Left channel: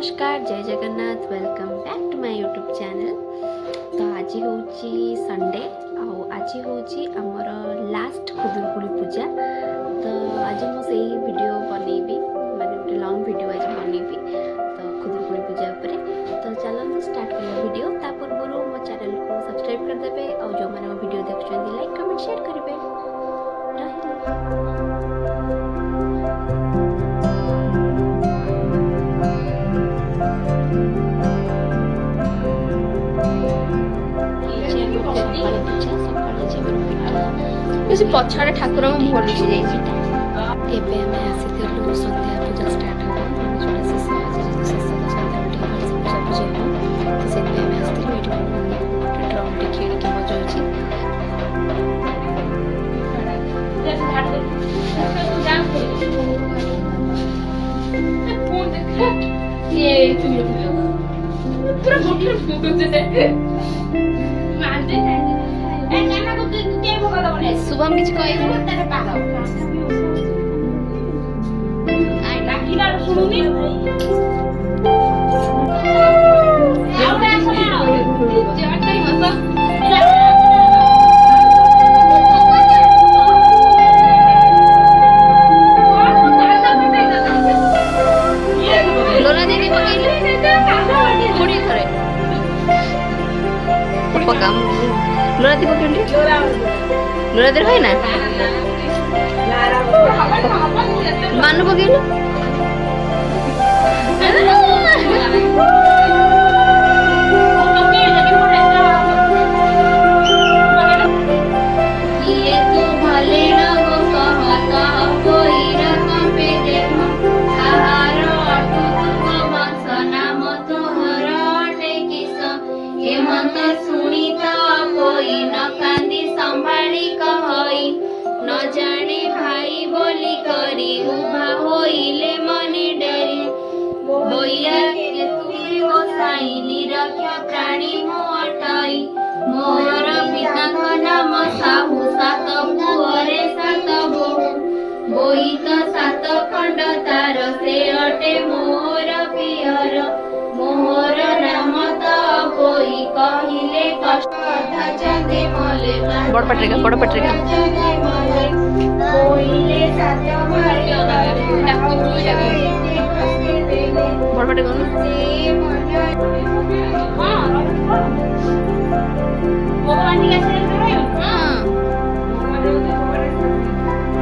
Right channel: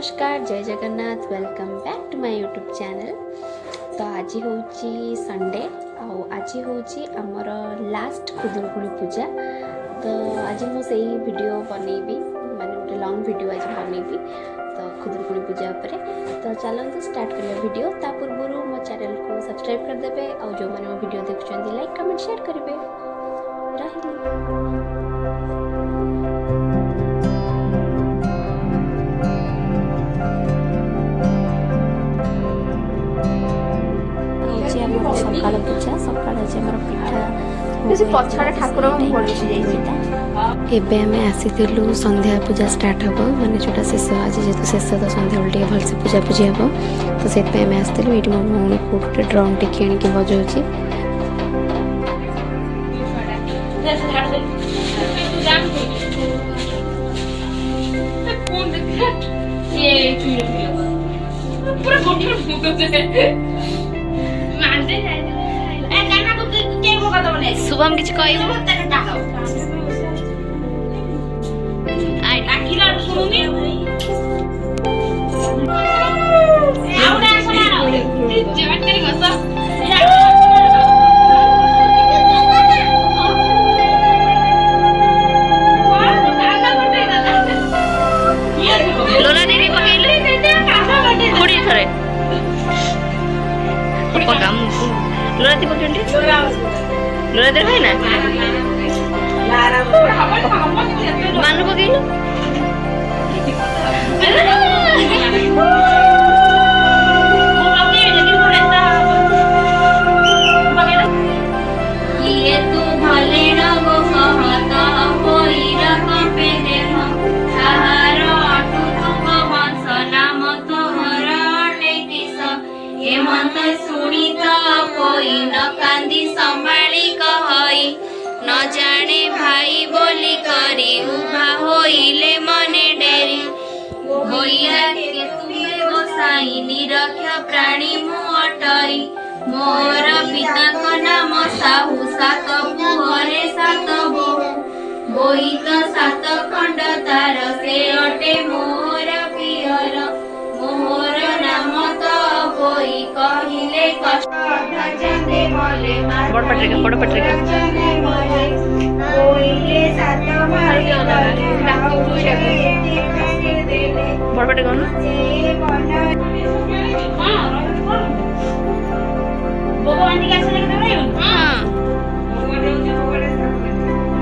नमस्कार जय Jagannath welcome back to my YouTube channel. तो आज हूँ संडे आज हूँ आमर लास्ट खुदुरकुड़ी पूजा। तो आज मुझे वीडियो बनैबी माने गोटे लॉन्ग वीडियो आज बनैबी तो खुदुरकुड़ी पूजा उपरे। तो चलते स्टार्ट करिया वीडियो। ता पूर्व मो चैनल को सब्सक्राइब कर देबे और जो माने वीडियो देखुछंती लाइक कमेंट शेयर करिवे। रहिली सकाल पूजा सकाल पिठा पछाड़े ठाकुर मुह लुचि जाइए। आम आसीलु संध्या पूजा स्टार्ट हम माने जोटा शेष आज जेहतु शेष तो संध्या बेल भलसे पूजा पूजी हम तो से आम आसलु ये मो मम्मी को गोटे ड्रम टे किणिक बजाऊँगी। शुभम किसी कहबू लोरा दीदी पकड़ खुड़ी थरे पका लोरा दी पकड़ लोरा दे भाई ना मानु पकड़ ये तू भले न गो कहता कोई रकम पे देह आहार अटू तुम वंश नाम तोहर अटे किस हेमंत सुनिता कोई न कांदी संभाली कहई न जाने भाई बोली करी उभा होइले मने डेरी होइया के तुमे गोसाई निरक्ष प्राणी मु अटई मोर पिताଙ୍କ नाम साहू सात पुअरे सात बोहू बोहित सात खंड तार से अटे मोर पियर मोर नाम तो कोई कहिले कष्ट जंगे मले बड़ पत्रिका कोइले सात भाई बड़ पत्रिका ना भगवान की कैसे लिख रहे हो? हां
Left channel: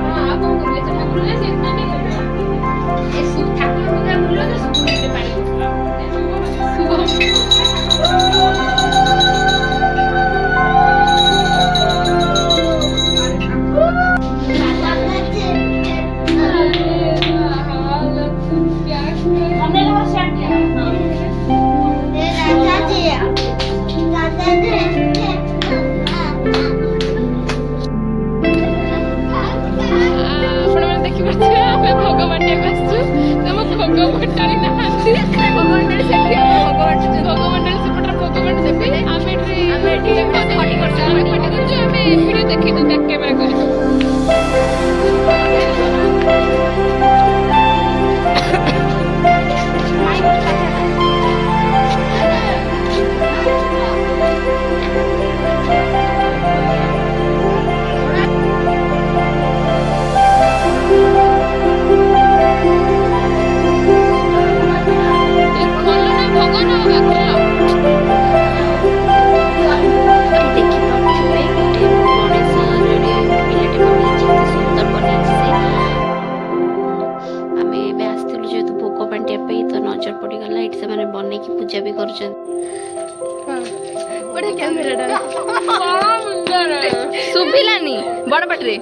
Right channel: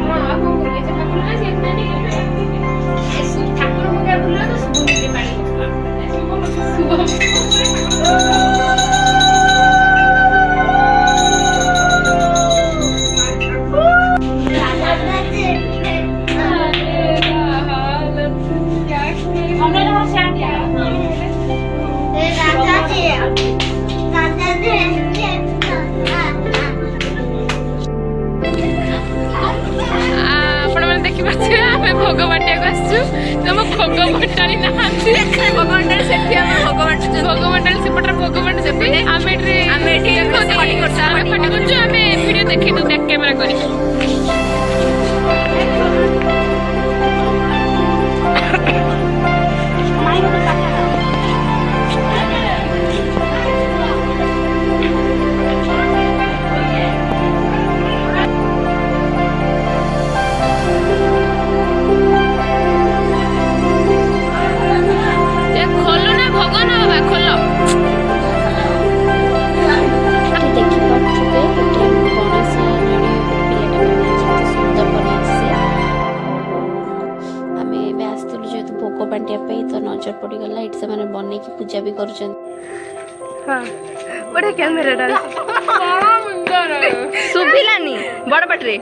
हां कौन कर ले ठाकुर ना से इतना नहीं कर ए सुख ठाकुर को क्या बोल तो सुबह से पानी सुबह भोग बाटिया तुम भोग बटाणी ना भोग बटाणी सेपटे भोग बाटी आम फटी कर वीडियो देखी तू बैक कैमेरा कर भोग बांटिया तो नजर पड़गला ये से मैंने बन की पूजा भी कर बड़ा कैमेरा सुभिलानी बड़ पटरे